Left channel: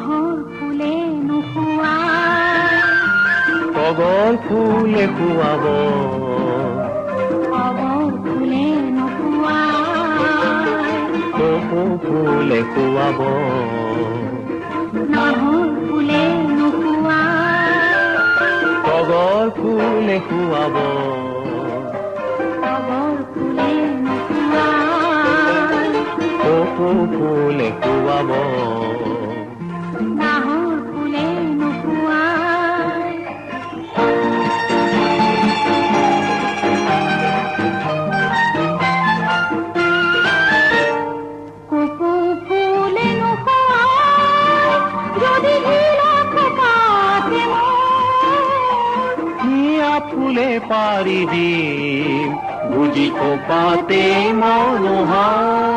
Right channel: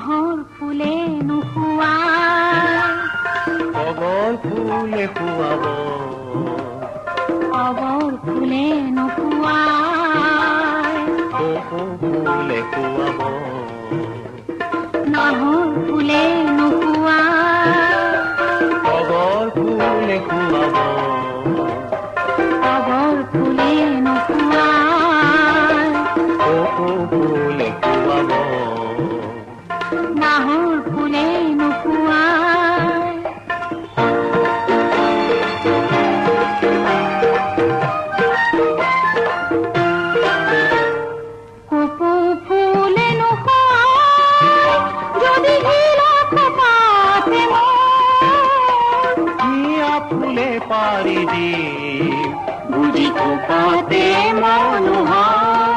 নাহৰ ফুলে নুশুৱাই, তগৰ ফুলে খুৱাব, তগৰ ফুলে নুশুৱাই, কপৌ ফুলে খুৱাব, নাহৰ ফুলে নুশুৱাই, তগৰ ফুলে খুৱাব, তগৰ ফুলে নুশুৱাই, কপৌ ফুলে খুৱাব, নাহৰ ফুলে নুশুৱাই। কপৌ ফুলে নুশুৱাই, যদি হিলক পাতে মোৰ, হিয়া ফুলে পাৰি দিম, বুজি থকাতে মনোহৰ।